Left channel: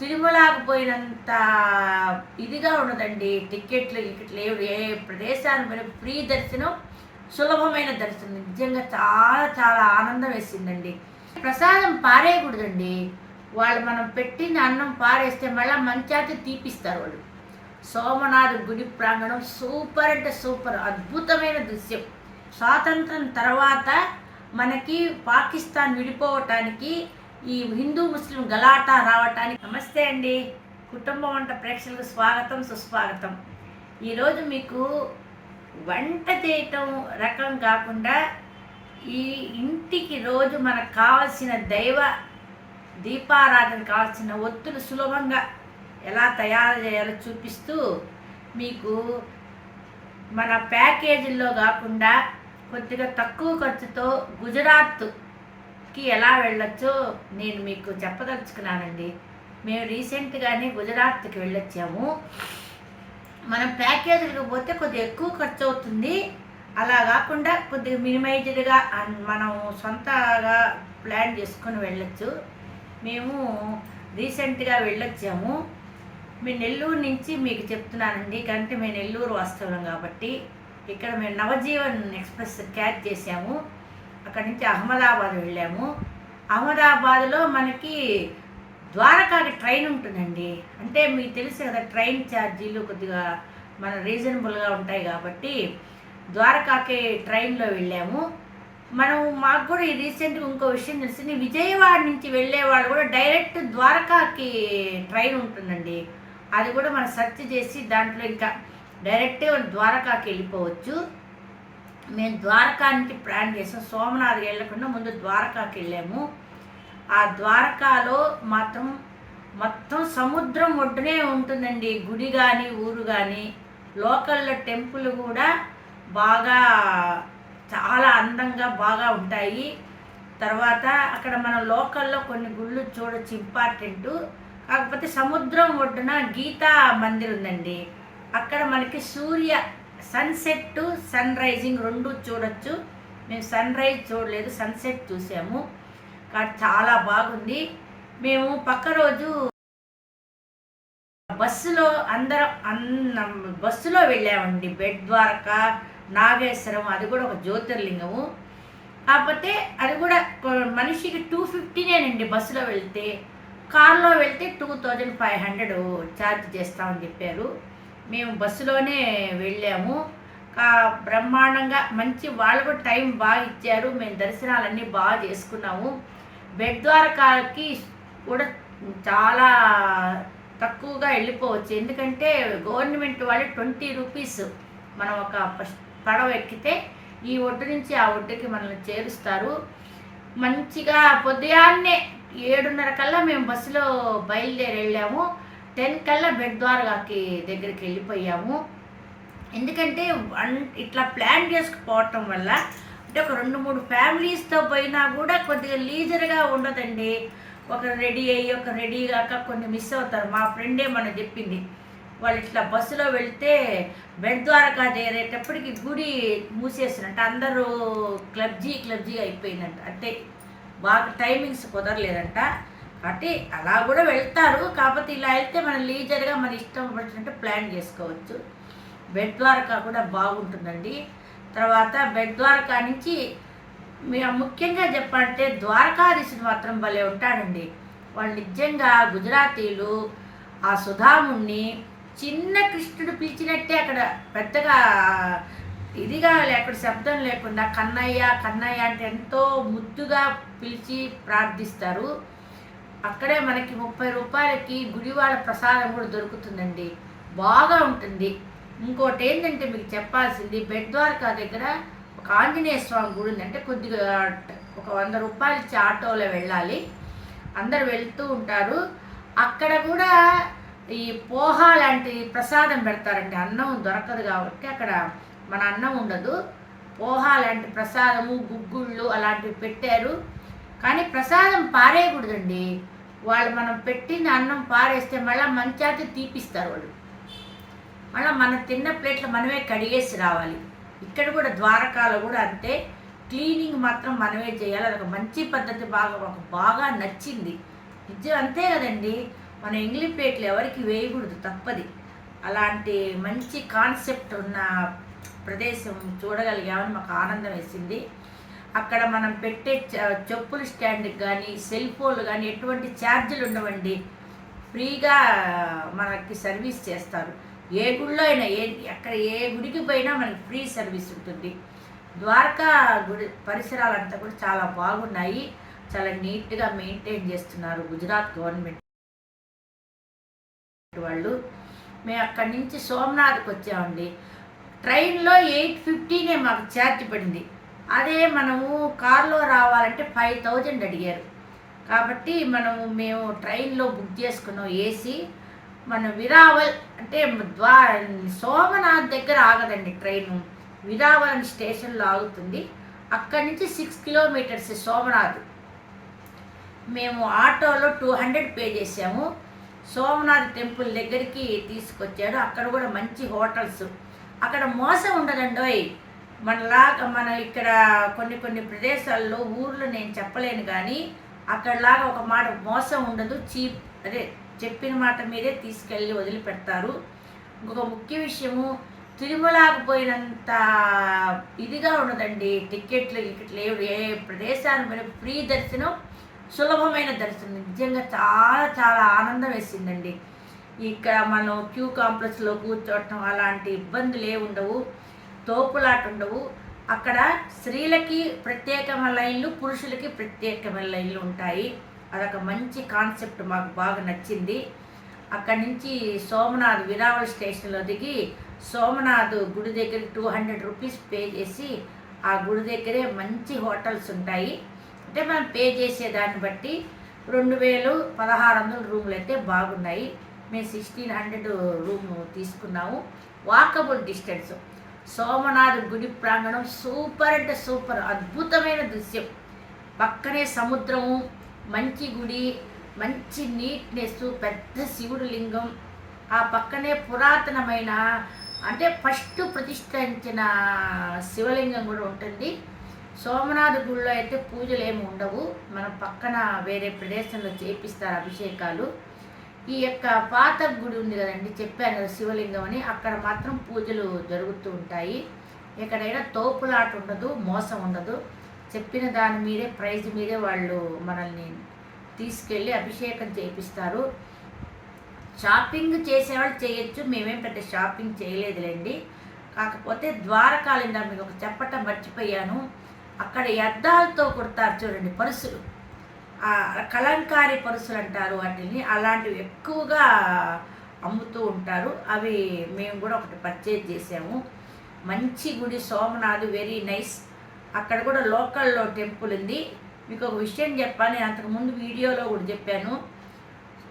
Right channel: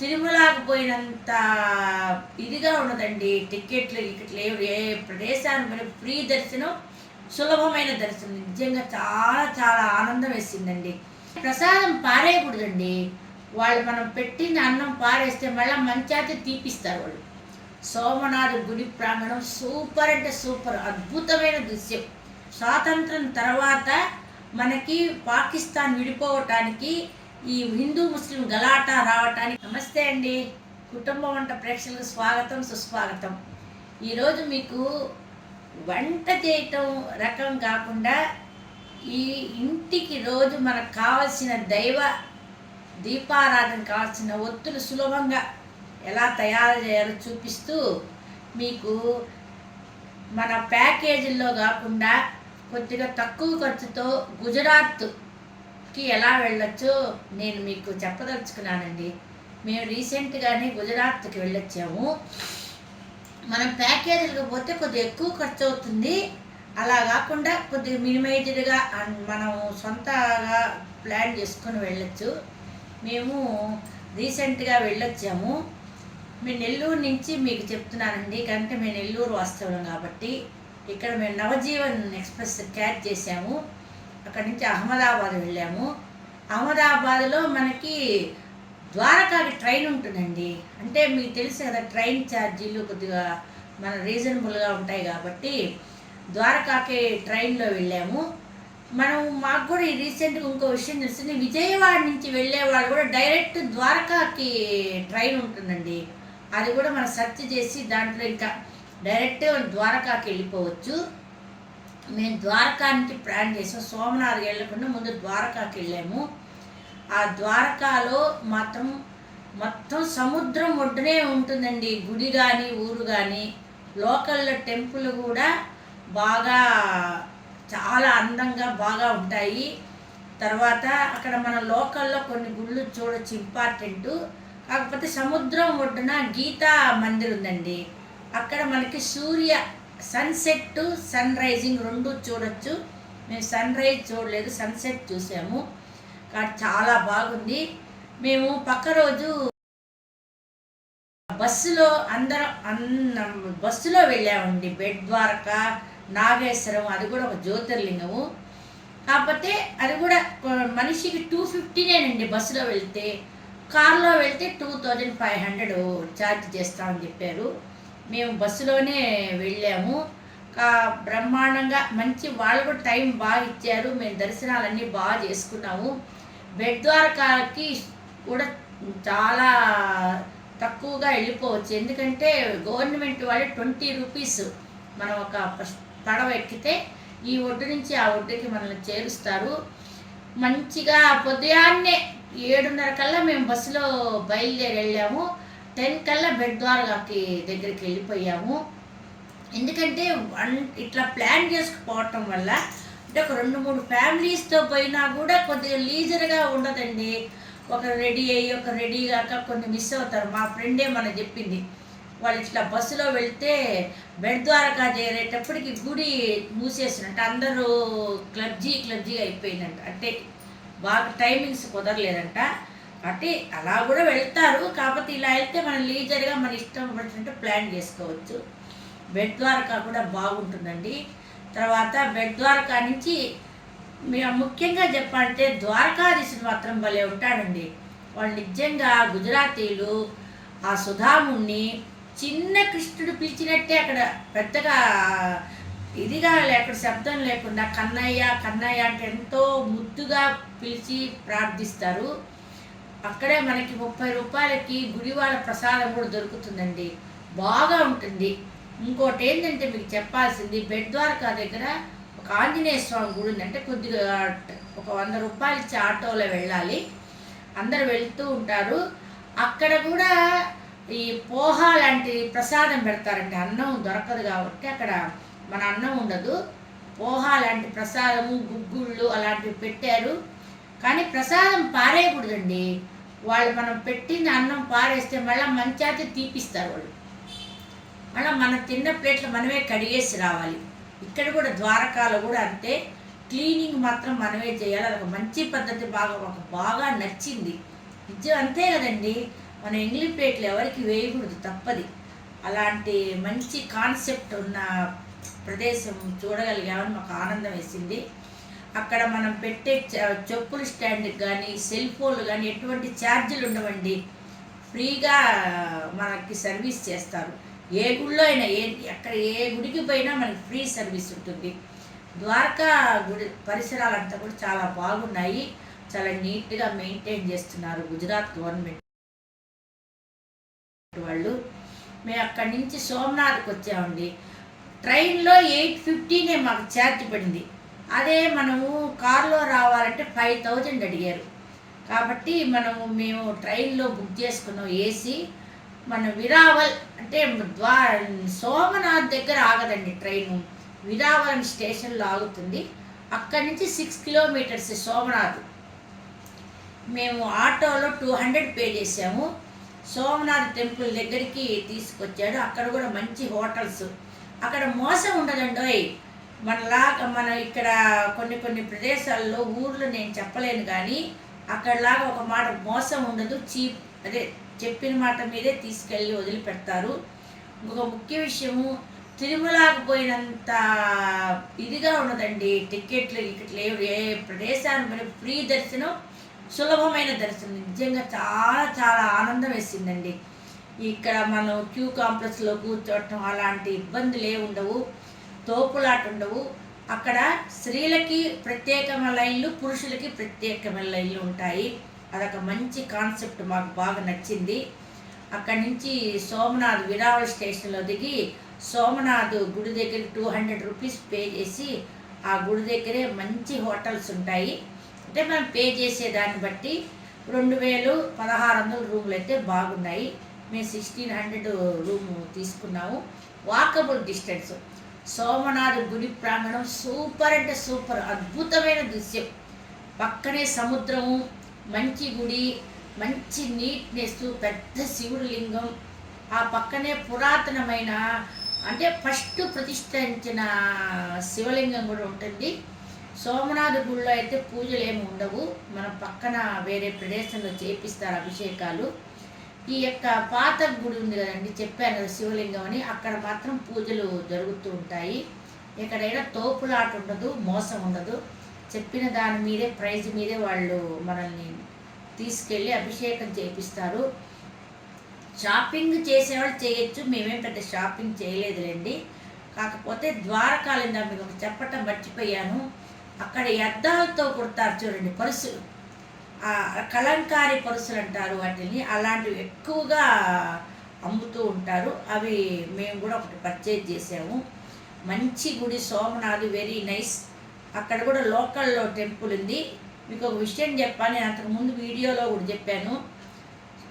తిరుమలకు పోయినంత ఇదిగా ఉండదండి. టికెట్లు లేవు. ఏ ప్రదేశానికి పోయినా ఫ్రీ దర్శనం, సులభమైన దర్శనం. నిజంగా చాలా చాలా ఆనందం వేసిందండి. ప్రసాదం పారేయకూడదండి. వాళ్ళు మనం పెట్టిన అన్నం పారేస్తే మళ్ళీ మంచాతి తీపిస్తారు వాళ్ళు. సోమనాథ్ గుడి ప్రాంగణం సూపర్ అంటే సూపర్, అద్భుతమైన దృశ్యం. స్వాతంత్రం తర్వాత మనకి పాకిస్తాన్ విడిపోవటానికి ఈ హిందూ ముస్లిం గలాటా రావటానికి. నమస్తే అండి, కుటుంబం వంట ప్రేక్షకులకు స్వాగతం సుస్వాగతం. ఈరోజు మీకు వంట చేయటం రకం కాకుండా ఈ ఇంటికి రోజు మనకు కావాల్సిన దైవ దీపారాధన కావాల్సిన ఒత్తులు సులభంగా ఎలా తయారు చేయాలో చూపిస్తూ మీకు మన ప్యాకేజీల్లో కాకుండా కొద్దిగా తక్కువ ఖర్చుతో గుజరాత్కి ఎలా వెళ్ళొచ్చో నేను మీకు చెప్పదలుచుకున్నానండి. మేము రీసెంట్గానే గుజరాత్కి వెళ్ళొచ్చాము. మనం ప్యాకేజీలకు పోతే కొద్దిగా ఎక్కువ ఖర్చు అవుతుంది. అలా కాకుండా కొద్దిగా మినిమైజ్డ్గా మనం సొంతగా ప్లాన్ చేసుకొని వెళ్ళొచ్చు. మేము రీసెంట్గా వెళ్ళొచ్చాము. మేము నెల్లూరు నుంచి మీకు చెప్తున్నానండి, కంటే మేము నెల్లూరు వాస్తవం కాబట్టి ఇక్కడ మేము నవజీవన్ ఎక్స్ప్రెస్ క్యాచ్ చేసాము. అక్కడి నుంచి అహ్మదాబాద్ వెళ్ళాము. అహ్మదాబాద్లో మనకి ద్వారకాకి ట్రైన్ ఉంటుందండి. అంటే మీకు తెలుసు కదా, ట్రైన్ ఛార్జీలు కొద్దిగా మన రీజనబుల్గా ఉంటాయి కాబట్టి ద్వారకాకి ట్రైన్లో వెళ్ళాము. మాకు కూడా ఈ రీసెంట్గా ఇంకో విషయం తెలిసింది, విజయవాడ నుంచి వెళ్ళే వాళ్ళు కూడా డైరెక్ట్ ద్వారకాకి ట్రైన్ ఉంటుందండి. అది కూడా మనం సెర్చ్ చేసి దాంట్లో ఇంకా డైరెక్ట్ ద్వారకాకి వెళ్ళిపోవచ్చు. మేము ద్వారకా నుంచి ప్లాన్ చేసాం. సోమనాథ్ వెళ్ళకుండా ముందు ద్వారకాకి వెళ్ళాము. ఆ ద్వారకాలో మొత్తం సముద్రం ఒడ్డునే ఉంటుందండి. గుడి కానీ ఊరు కానీ లోకల్లో టెంపుల్ కూడా బాగా చాలా అందంగా బాగా ఉంటాయి. తర్వాత అక్కడ మన లోకల్లో కొన్ని గుళ్ళు చూడొచ్చు, ఇంపార్టెంట్. కాకపోతే సముద్రం ఒడ్డున గీతా మందిర్ ఉందండి. అక్కడ మనకి సన్సెట్ సన్ రైజింగ్ రెండు చూడొచ్చు. మేము సన్ రైజ్ చూడలేదు, సన్సెట్ చూసాము. కాబట్టి చాలా బాగుంది. మేము పక్క రోజు బస్సులో వెళ్ళామండి. బెట్ ద్వారకా, నాగేశ్వరం, అది కూడా ఒక జ్యోతిర్లింగము. కాకపోతే అది కూడా మనిషికి 250నేనండి బస్సులో వెళ్తే. కార్లో వెళ్తే 2500 ఛార్జ్ చేస్తామని చెప్పారు. మేము బస్సులోనే వెళ్ళాము. బ్రహ్మాండంగా మంచి, వాళ్ళు కూడా టైం బాగా ఇచ్చారు. మేము దర్శనాలన్నీ బాగా చేసుకున్నాము. బెట్ ద్వారకాకి కూడా చాలా తక్కువగా వెళ్ళిపోవచ్చు. ఎందుకంటే గవర్నమెంట్ వాళ్ళు 20 రూపీస్ మనం ఒక పడవ ఎక్కితే ఈ ఒడ్డు నుంచి ఆ ఒడ్డుకి మనల్ని చేరుస్తారు. మంచిగా పొద్దున్నే 7:30 కల్లా మేము బస్సులో బయలుదేరి వెళ్ళాము. 10 కల్లా బెట్ ద్వారకాకి దగ్గరికి వెళ్ళిపోయాము. ఎందుకంటే ఇట్లా ప్లాన్ చేసుకుపోవటం వల్ల అంటే ఒక 2-3 ఫ్యామిలీస్తో పోయినా కూడా కొద్దిగా లీజర్గా ఉండదండి. ఒకరు రెడీ అయ్యి ఒకరు రెడీ కాక కొన్ని మిస్ అవుతారు. మా ఫ్రెండే మనం చెప్పింది, వాళ్ళు ఇట్లా బస్సులో వెళ్తే బెట్ ద్వారకా చేరేటప్పటికి గుడి మూసేసినట్టు, అందరూ క్లబ్జీ అయిపోయిందంట. అంటే బాగా టైమింగ్స్ కుదరలేదంట. కాబట్టి అలా కూడా వెళ్తారు. కాకపోతే ఇలా వెళ్తే మనం లీజర్గా మన ఇష్టం వచ్చినట్టు ప్లాన్ చేసుకోవచ్చు. బెట్ ద్వారకా కూడా బాగుంటుందండి. తర్వాత బెట్ ద్వారకా నుంచి ముఖ్యంగా చెప్పాలంటే ద్వారకాధీశుడు మాత్రం భలే ఉంటాడండి. వాళ్ళు నిజంగా గుజరాతీలు ఆ సుధాముణ్ణి చిన్న కృష్ణుడు పిలిచినట్టే అక్కడ పెద్దగా ఇదిగా లేకుండా శబ్దం లేకుండా కన్నయ్య అంటే ఎంతో ముద్దుగా పిలిచి ప్రార్థిస్తారు. అక్కడే మనకి 30 రూపాయలకి గుడివాడ ప్రసాదం కూడా దొరుకుతుందండి, బాగా ఉంటుంది. ఇంకోటి ఏంటంటే మీకు చెప్పాల్సింది, బెట్ ద్వారకా దగ్గర ఒక ఆంజనేయ స్వామి గుడి ఉంది. అంటే కొద్దిగా ఒక 100 రూపాయలు ఇచ్చి ఆటోలో వెళ్ళాలి. అందరు వెళ్తూ ఉంటారు. అక్కడ కూడా ఈ పోహా లాంటి ప్రసాదం పెడతారండి. అన్నం దొరకదు కాబట్టి అక్కడ మన అన్నం ఉండదు. పోహా లాంటి ప్రసాదము, గుగ్గుళ్ళు అలాంటివి పెట్టారు. కానీ ప్రసాదం పారేయకూడదండి. వాళ్ళు మనం పెట్టిన అన్నం పారేస్తే మళ్ళీ మంచాతి తీపిస్తారు వాళ్ళు. మళ్ళీ మన తిన్న ప్లేట్లు మనమే కడిగేసి రావాలి. ఇక్కడ కూడా ద్వారకాలో కూడా అంతే, క్లీనింగ్ మాత్రం మనమే చేయాలి. అదొక మంచి పద్ధతి. బాగా నచ్చింది. నిజం అంతే కదండి. మన ఎంగిలి ప్లేట్లు ఎవరికి వేయకూడదు, తప్పది. అలాంటి మంచి కాన్సెప్ట్ ఉన్న ప్రదేశం చూడగలిగామని మాకు ఆనందం వేసింది. అక్కడ మనం పెట్టే చెప్పుల స్టాండ్కి కానీ సెల్ ఫోన్లు కానీ ఎటువంటి ఛార్జీలు ఉండవండి. ఫ్రీగా మనకి సర్వీస్ చేస్తారు. ఏ గుడిలో అయినా ఎక్కడ ఏ గుడికి పోయినా మనకి ఫ్రీ సర్వీస్ ఉంటుంది. ద్వారకా గుడి పరిసరాలంతా కూడా చాలా బాగున్నాయి. చాలా నీట్గా మెయింటైన్ చేస్తున్నారు గుజరాత్ గవర్నమెంట్ వాళ్ళు. మేము అక్కడి నుంచి సోమనాథ్కి వచ్చామండి. ట్రైన్లో 850 మాకు ఛార్జ్ పడింది. అదే మనము కారులో రావాలంటే 5000 అడిగారు. కాబట్టి మేము ట్రైన్లో బుక్ చేసుకున్నాం ఏసీ. మన విరావల్ అంటే సోమనాథ్ దగ్గర ఆగదండి ట్రైను. విరావల్ అని స్టేషన్లో ఆగుతుంది. అక్కడి నుంచి 6 కిలోమీటర్స్ సోమనాథ్. మేము ఆటోలో 200 పే చేసాము. సోమనాథ్ టెంపుల్ దగ్గరికి తీసుకొచ్చాడు. అక్కడ కూడా మంచి హోటల్స్. అక్కడ మోసం ఉండదండోయ్. మన ఇక్కడ కొన్ని ప్రదేశాల్లో ఊర్లు నేను చెప్పలేను, కానీ అక్కడలాగా ఒక మాట మోసం ఉండదు. చీప్ అదే చెప్పిన మాట మీదే తీసుకెళ్ళి వదిలిపెడతారు. ఇంకొక ముఖ్య విషయము, తిరుమలకు పోయినంత ఇదిగా ఉండదండి. టికెట్లు లేవు. ఏ ప్రదేశాన్ని పోయిన ఫ్రీ దర్శనం, సులభమైన దర్శనం. నిజంగా చాలా చాలా ఆనందం వేసిందండి. ఇక్కడ మనం క్యూ కాంప్లెక్స్లో కూర్చోవటం అలాంటి ఇబ్బందులు ఉండవు, తోపులాట ఉండవు. అక్కడ స్త్రీలకి ప్రత్యేకమైన లైన్లు, పురుషులకి ప్రత్యేకమైన లైన్లు ఉంటాయి. అదొక మంచి కాన్సెప్ట్, మాకు బాగా నచ్చింది. అక్కడి నుంచి సోమనాథ్ విరావల్ స్టేషన్లో దిగి సోమనాథ్ గుడి దగ్గర 200 రూపీస్ పే చేసి ఆ గుడి దగ్గరే మంచి హోటల్స్ ఉంటాయి. అంటే మనం పే చేసేదాన్ని బట్టి 2000, 1600 రూములు అయితే బాగున్నాయి. మేము 1600 రూమ్ తీసుకున్నాము. Walkable distance. సోమనాథ్ గుడి ప్రాంగణం సూపర్ అంటే సూపర్, అద్భుతమైన దృశ్యం. పక్కనే సముద్రము, మంచి గుడి, మంచి నీట్నెస్, పెద్ద శివుడి లింగం. ఆ పక్కనే పురాతనమైన అంటే ఫస్ట్ ప్రతిష్ఠించిన శివలింగం కూడా ఉంటుంది. సోమనాథ్ గుడిలో అయితే పూజలు ఏమి ఉండవు. మన పక్కన వేరే ప్రదేశంలో చేపిస్తారు అభిషేకాలు. ఈ యొక్క పాత గుడి ఉంది కదండి, చెప్పాను కదా శివలింగం అని, అక్కడ మాత్రం పూజలు జరుగుతూ ఉంటాయి. ఎక్కడైనా తోపులాట ఉండదు, మోసం ఉండదు. చెప్పిన దాని మీదే ప్రైజ్ మీదే వాళ్ళు మనల్ని తీసుకెళ్ళి అభిషేకం చేపిస్తారు. షాపింగ్ చేసేవాళ్ళు చేయొచ్చు, మేమేం పెద్ద షాపింగ్ చేయలేదులేండి. కాకపోతే ద్వారకాలిందా మీకు ఒక చెప్పటం మర్చిపోయాను. అక్కడ అద్దాలతో కుడతారు చూడండి పరుసులు, కలంకారీ పరుసులు అంటారు వాటిని. అలాంటివి ఎక్కువగా అమ్ముతూ ఉంటారు. అవి మేము కూడా ఒకటి పర్చేజ్ చేసాము. మంచి గుడి సోమనాథ్, వెరీ నైస్. అక్కడ కూడా లోకల్లో టెంపుల్ ఉంది. మీకు ఒక విషయం చెప్పాను, నేను అంతకుముందు వీడియోలో కూడా చెప్పాను.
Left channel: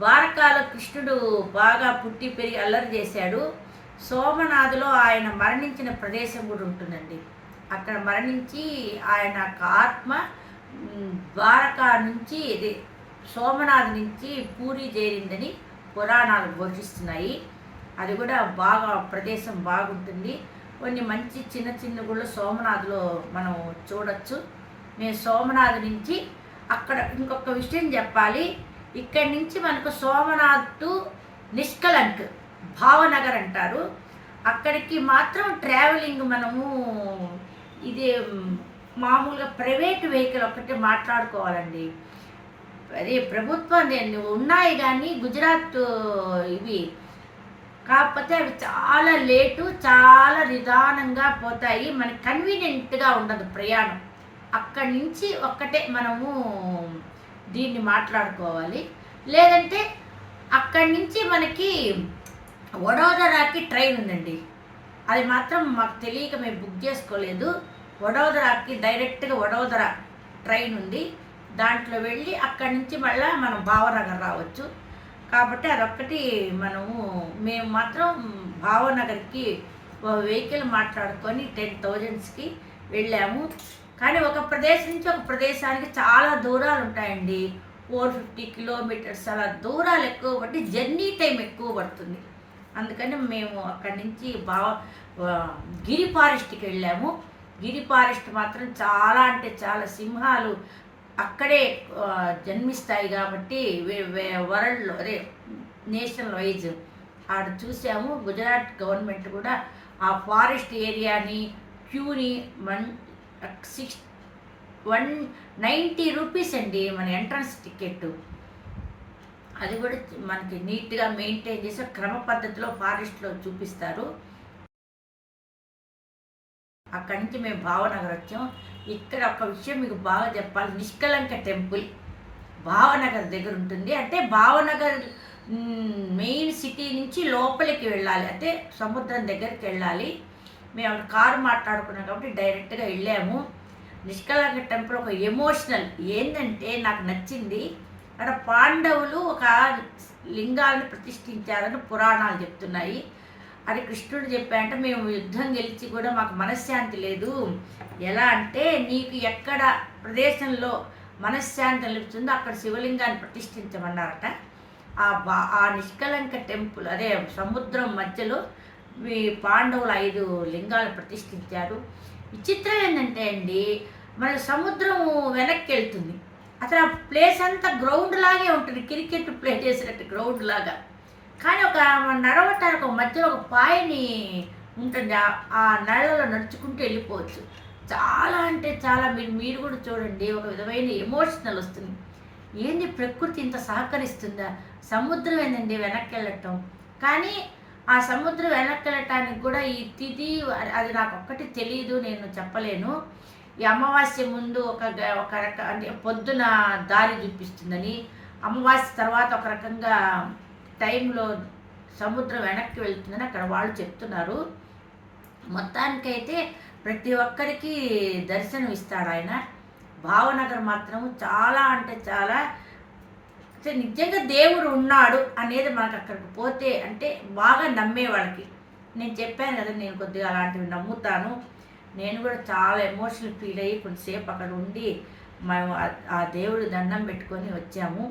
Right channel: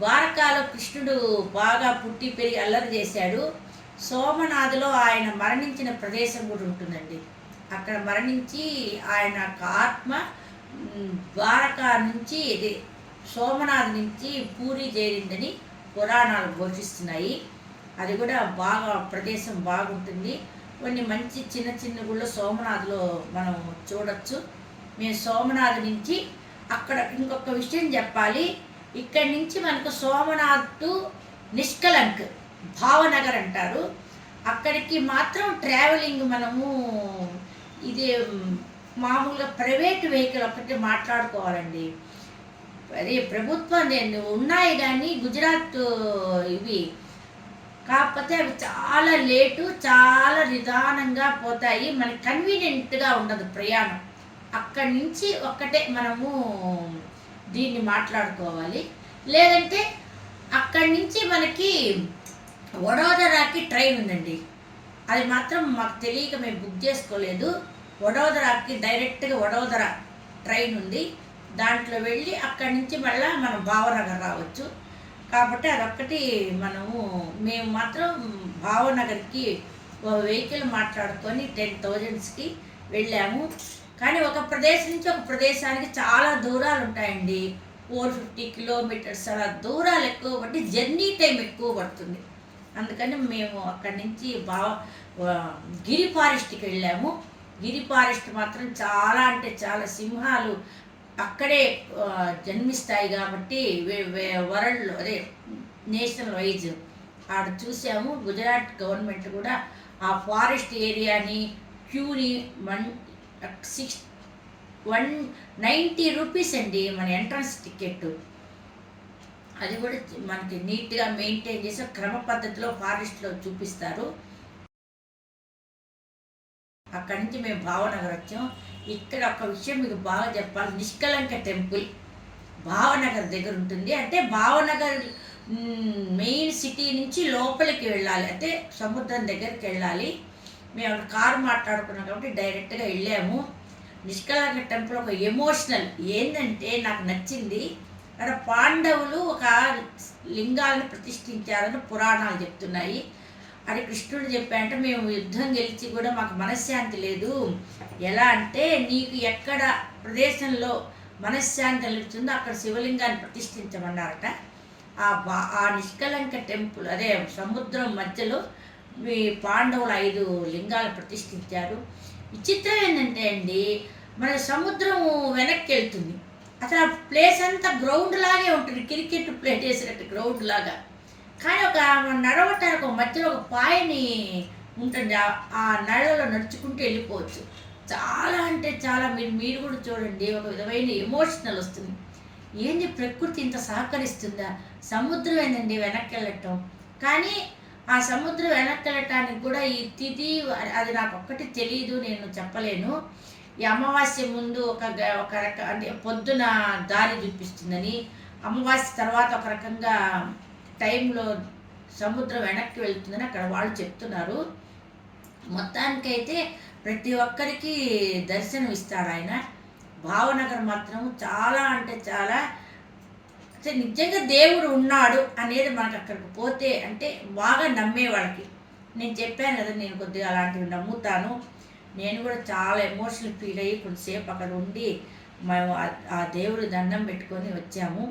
ద్వారకాలో కృష్ణుడు బాగా పుట్టి పెరిగి అల్లరి చేశాడు. సోమనాథ్లో ఆయన మరణించిన ప్రదేశం కూడా ఉంటుందండి. అక్కడ మరణించి ఆయన ఆత్మ ద్వారకా నుంచి సోమనాథ్ నుంచి పూరి చేరిందని పురాణాలు ఘోషిస్తున్నాయి. అది కూడా బాగా ప్రదేశం బాగుంటుంది. కొన్ని మంచి చిన్న చిన్న గుళ్ళు సోమనాథ్లో మనం చూడొచ్చు. మేము సోమనాథ్ నుంచి అక్కడ ఇంకొక విషయం చెప్పాలి. ఇక్కడి నుంచి మనకు సోమనాథ్ టు నిష్కలంక్ భావనగర్ అంటారు. అక్కడికి మాత్రం ట్రావెలింగ్ మనము ఇది మామూలుగా ప్రైవేట్ వెహికల్ ఒకటి మాట్లాడుకోవాలండి. అది ప్రభుత్వం ఉన్నాయి కానీ గుజరాత్ ఇవి, కాకపోతే అవి చాలా లేటు, చాలా నిదానంగా పోతాయి. మనకి కన్వీనియంట్గా ఉండదు ప్రయాణం. అక్కడి నుంచి ఒక్కటే మనము దీన్ని మాట్లాడుకోవాలి. లేదంటే అక్కడి నుంచి మనకి వడోదరాకి ట్రైన్ ఉందండి. అది మాత్రం మాకు తెలియక మేము బుక్ చేసుకోలేదు. వడోదరాకి డైరెక్ట్గా వడోదర ట్రైన్ ఉంది. దాంట్లో వెళ్ళి అక్కడి నుంచి మళ్ళీ మనం భావనగర్ రావచ్చు. కాబట్టి అదొక్కటి మేము మాత్రం భావనగర్కి వెహికల్ మాట్లాడుకొని 10,000కి వెళ్ళాము. కానీ ఒక ప్రదేశం నుంచి ఒక ప్రదేశానికి చాలా దూరాలు ఉంటాయండి. 450 కిలోమీటర్స్ అలా దూరాలు ఎక్కువ పట్టి జర్నీ టైం ఎక్కువ పడుతుంది. అందుకని మేము అక్కడి నుంచి గిరి ఫారెస్ట్కి వెళ్ళాము. గిరి ఫారెస్ట్ మాత్రం చాలా అంటే చాలా సింహాలు అక్కడే జన్మిస్తాయి కాబట్టి వరల్డ్లో అదే నేషనల్ వైజ్ ఆడ చూసాము. గుజరాత్ గవర్నమెంట్ కూడా ఆ ఫారెస్ట్ ఏరియాని క్యూని 190 రూపీస్ అండి మన ఎంట్రన్స్ టికెట్. అది కూడా మనకి నీట్గా మెయింటైన్ చేసి క్రమ పద్ధతిలో ఫారెస్ట్లో చూపిస్తారు. అక్కడి నుంచి మేము భావనగర్ వచ్చాం. ఇక్కడ ఒక విషయం మీకు బాగా చెప్పాలి, నిష్కలంక టెంపుల్ భావనగర్ దగ్గర ఉంటుంది. అంటే భావనగర్ మెయిన్ సిటీ నుంచి లోపలికి వెళ్ళాలి, అంటే సముద్రం దగ్గరికి వెళ్ళాలి. మేము అక్కడ కారు మాట్లాడుకున్నాం కాబట్టి డైరెక్ట్గా వెళ్ళాము. నిష్కలంక టెంపుల్ ఒక ఎమోషనల్ ఏంటంటే నాకు నచ్చింది, అక్కడ పాండవులు ఒక లింగాలను ప్రతిష్ఠించారని పురాణాలు చెప్తున్నాయి. అది కృష్ణుడు చెప్పారంటే మేము యుద్ధం గెలిచి కూడా మాకు మనశ్శాంతి లేదు. ఎలా అంటే నీకు ఎక్కడ ప్రదేశంలో మనశ్శాంతి నిలుపుతుందో అక్కడ శివలింగాన్ని ప్రతిష్ఠించమన్నారట. ఆ నిష్కలంక టెంపుల్ అదే సముద్రం మధ్యలో మీ పాండవులు 5 లింగాలు ప్రతిష్ఠించారు. విచిత్రం ఏంటంటే అండి, మన సముద్రం వెనక్కి వెళ్తుంది, అసలు ఆ ప్లేస్ అంతా గ్రౌండ్ లాగే ఉంటుంది, క్రికెట్ ప్లే చేసినట్టు గ్రౌండ్ లాగా. కానీ ఒక నడవటానికి ఒక మధ్యలో ఒక పాయని ఉంటుంది, ఆ నడవలో నడుచుకుంటూ వెళ్ళిపోవచ్చు. చాలా అంటే చాలా మీరు కూడా చూడండి, ఒక విధమైన ఎమోషనల్ వస్తుంది. ఏంది ప్రకృతి ఇంత సహకరిస్తుందా? సముద్రం ఏందండి వెనక్కి వెళ్ళటం. కానీ ఆ సముద్రం వెనక్కి వెళ్ళటానికి కూడా ఈ తిథి అది నాకు ఒక్కటి తెలియదు, నేను చెప్పలేను. ఈ అమావాస్య ముందు ఒక అంటే పొద్దున దారి చూపిస్తుందని, అమావాస్య తర్వాత ఒక రకంగా టైంలో సముద్రం వెనక్కి వెళ్తుందని అక్కడ వాళ్ళు చెప్తున్నారు. మొత్తానికైతే ప్రతి ఒక్కరికి దర్శనం ఇస్తాడు ఆయన. భావనగర్ మాత్రం చాలా అంటే చాలా నిజంగా దేవుడు ఉన్నాడు అనేది మనకు అక్కడికి పోతే అంటే బాగా నమ్మేవాడికి. నేను చెప్పాను కదా, నేను కొద్దిగా అలాంటివి నమ్ముతాను. నేను కూడా చాలా ఎమోషనల్ ఫీల్ అయ్యి కొంతసేపు అక్కడ ఉండి మేము ఆ దేవుడి దండం పెట్టుకొని వచ్చాము.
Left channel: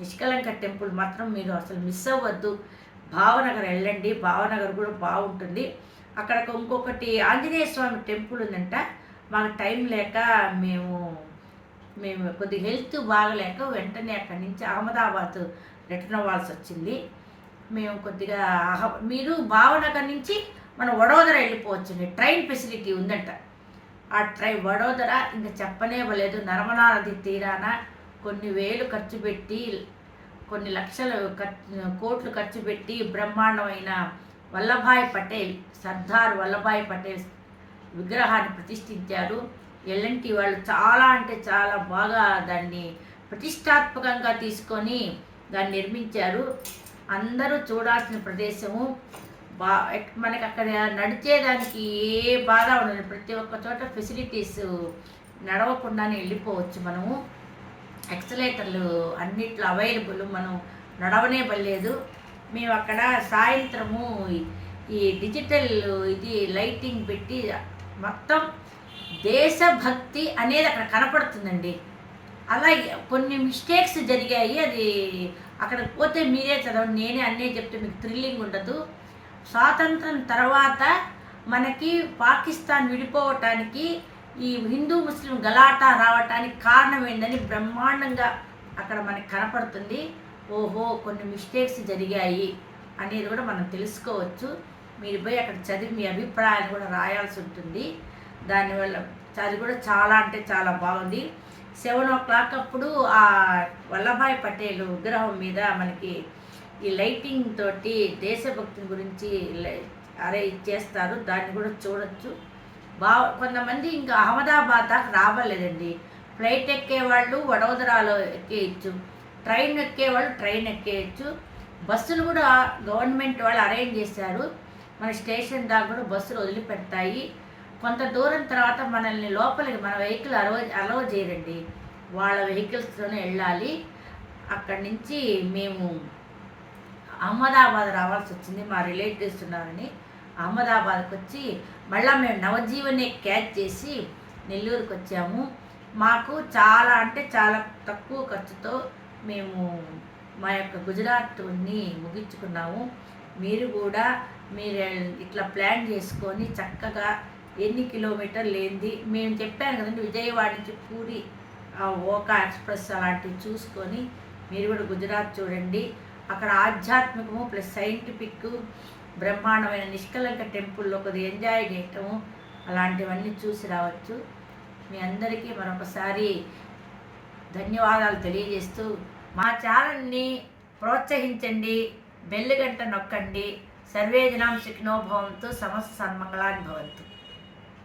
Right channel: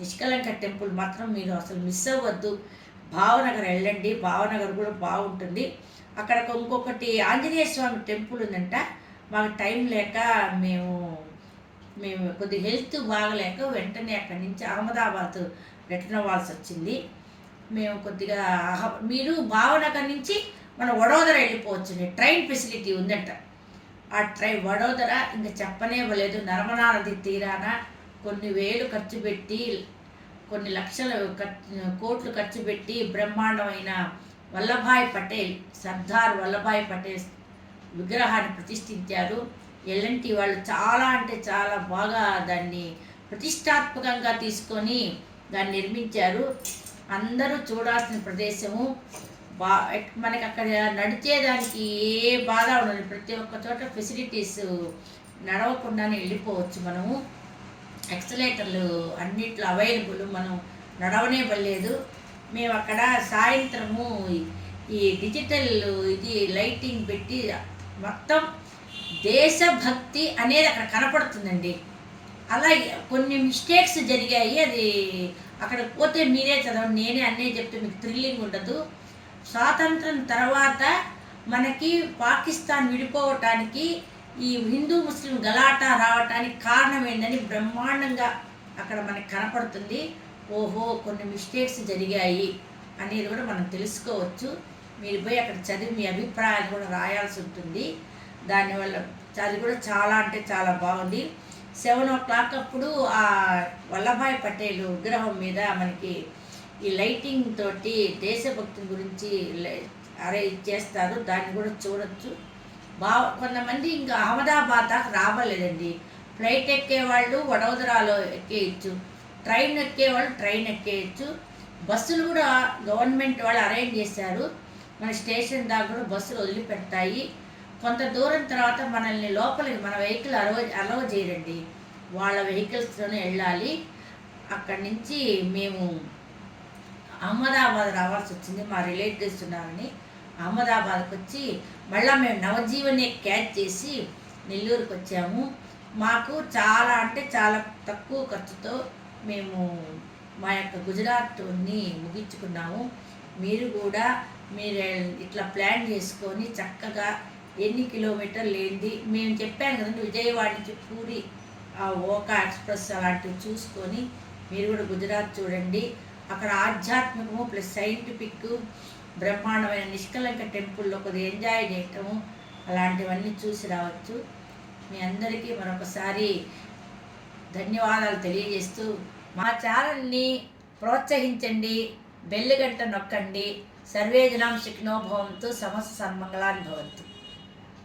నిష్కలంక టెంపుల్ మాత్రం మీరు అసలు మిస్ అవ్వద్దు. భావనగర్ వెళ్ళండి, భావనగర్ కూడా బాగుంటుంది. అక్కడ ఇంకొకటి ఆంజనేయ స్వామి టెంపుల్ ఉందంట. మాకు టైం లేక మేము కొద్దిగా హెల్త్ బాగలేక వెంటనే అక్కడి నుంచి అహ్మదాబాద్ రిటర్న్ అవ్వాల్సి వచ్చింది. మేము కొద్దిగా మీరు భావనగర్ నుంచి మనం వడోదర వెళ్ళిపోవచ్చు, ట్రైన్ ఫెసిలిటీ ఉందంట. ఆ వడోదర ఇంకా చెప్పనే ఇవ్వలేదు. నర్మదా నది తీరాన కొన్ని వేలు ఖర్చు పెట్టి కొన్ని లక్షల కోట్లు ఖర్చు పెట్టి బ్రహ్మాండమైన వల్లభాయ్ పటేల్, సర్దార్ వల్లభాయ్ పటేల్ విగ్రహాన్ని ప్రతిష్ఠించారు. ఎల్ఎన్టీ వాళ్ళు చాలా అంటే చాలా బాగా దాన్ని ప్రతిష్టాత్మకంగా తీసుకొని దాన్ని నిర్మించారు. అందరూ చూడాల్సిన ప్రదేశము. మనకి అక్కడ నడిచేదానికి ఏ బాధ ఉండదు, ప్రతి ఒక్క చోట ఫెసిలిటీస్ నడవకుండానే వెళ్ళిపోవచ్చు. మనము ఎక్సలేటర్లు అన్నిట్లో అవైలబుల్, మనం నడవనే పడలేదు. మేము అక్కడ సాయంత్రము ఈ డిజిటల్ లైటింగ్ పెట్టి మొత్తం దేశభక్తి అనేది అక్కడ కనపడుతుందండి. అలా కొన్ని మిస్టేక్స్ జరిగాయి, అది అక్కడికి పోతే మీరే చదవండి, నేనే అన్నీ చెప్తే మీకు థ్రిల్లింగ్ ఉండదు. స్వాతంత్రం తర్వాత మనకి పాకిస్తాన్ విడిపోవటానికి ఈ హిందూ ముస్లిం గలాటా రావటానికి కారణం ఏందని బ్రహ్మాండంగా అక్కడ మనకి కనపడుతుంది. ఓహో కొన్ని మిస్టేక్స్ జరిగాయి అనేది కూడా మనం తెలుసుకోవచ్చు. మీరు పోయి అక్కడ చదివి మీ అభిప్రాయాలు కూడా రాయాల్సి ఉంటుంది. దానివల్ల అది కూడా చాలా అంటే చాలా బాగుంది. 7 o'clock అప్పుడు ఆ వల్లభాయ్ పటేల్ విగ్రహం మీద మనకి ఈ లైటింగ్ తోటి దేశభక్తి గురించి చేస్తారు. దాన్ని కూడా చూడొచ్చు. కొంతమంది ఇంకా అహ్మదాబాద్ దాకా రావలేదండి. ఫ్లైట్ ఎక్కేవాళ్ళు వడోదరాలో ఎక్కేయచ్చు, ట్రైన్ ఎక్కేవాళ్ళు ట్రైన్ ఎక్కేయచ్చు. బస్సులు కూడా గవర్నమెంట్ వాళ్ళు అరేంజ్ చేశారు. మన స్టేషన్ దాకా కూడా బస్సులు వదిలిపెడతాయి. కొంత దూరం తర్వాత మనల్ని లోపలికి మన వెహికల్ అలవ చేయరండి, వాళ్ళ వెహికల్స్లోనే వెళ్ళాలి. అక్కడి నుంచి మేము అహ్మదాబాద్ రావాల్సి వచ్చింది. మా రిలేటివ్స్ ఉన్నారని అహ్మదాబాద్కి వచ్చి మళ్ళీ మేము నవజీవనే క్యాచ్ చేసి నెల్లూరుకి వచ్చాము. మాకు చాలా అంటే చాలా తక్కువ ఖర్చుతో మేము మా యొక్క గుజరాత్ని ముగించుకున్నాము. మీరు కూడా ఇట్లా ప్లాన్ చేసుకొని చక్కగా ఎన్ని కిలోమీటర్లు ఏంది మేము చెప్పాను కదండి. విజయవాడ నుంచి పూరి ఆ ఓకా ఎక్స్ప్రెస్ అలాంటివి చూసుకొని మీరు కూడా గుజరాత్ చూడండి. అక్కడ ఆధ్యాత్మికము ప్లస్ సైంటిఫిక్ బ్రహ్మాండమైన నిష్కలంక టెంపుల్లో కొద్దిగా ఎంజాయ్ చేయటము అలాంటివన్నీ చూసి రావచ్చు. మీ అందరికీ మరొకసారి ధన్యవాదాలు తెలియజేస్తూ మా ఛానల్ని ప్రోత్సహించండి, బెల్ గంట నొక్కండి. సర్వే జనాం సుఖినో భవంతు, సమస్త సన్మంగళాని భవంతు.